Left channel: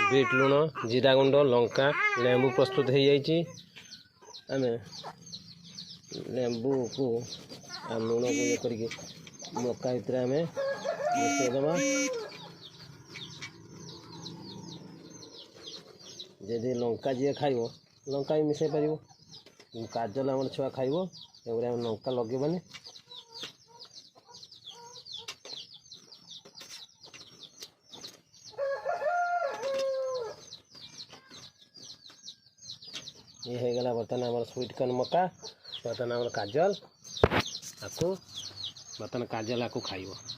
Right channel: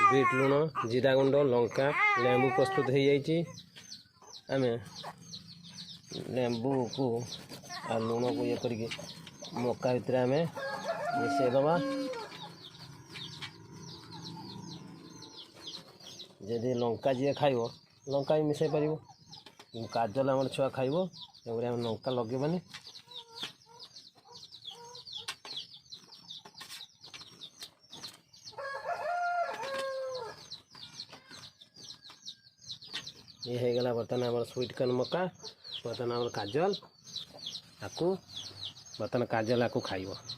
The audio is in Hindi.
बीट लुण जीरा गुंड लंका लेंबू प्रस्तुत हो जाइए। आम लेंबू को आ लुण को ये करके मक्का भितर आम मिसईदबा। जदि लंका जी खाइब लंका भी मिसई पार। काजल आम छुआ खाइब आम लंका लगेबानी। ये हो गला बर्तमान आम स्वीट कॉर्न मक्का। बर्तमान आम काजल आपको बर्तमान काजल आपको खाइब।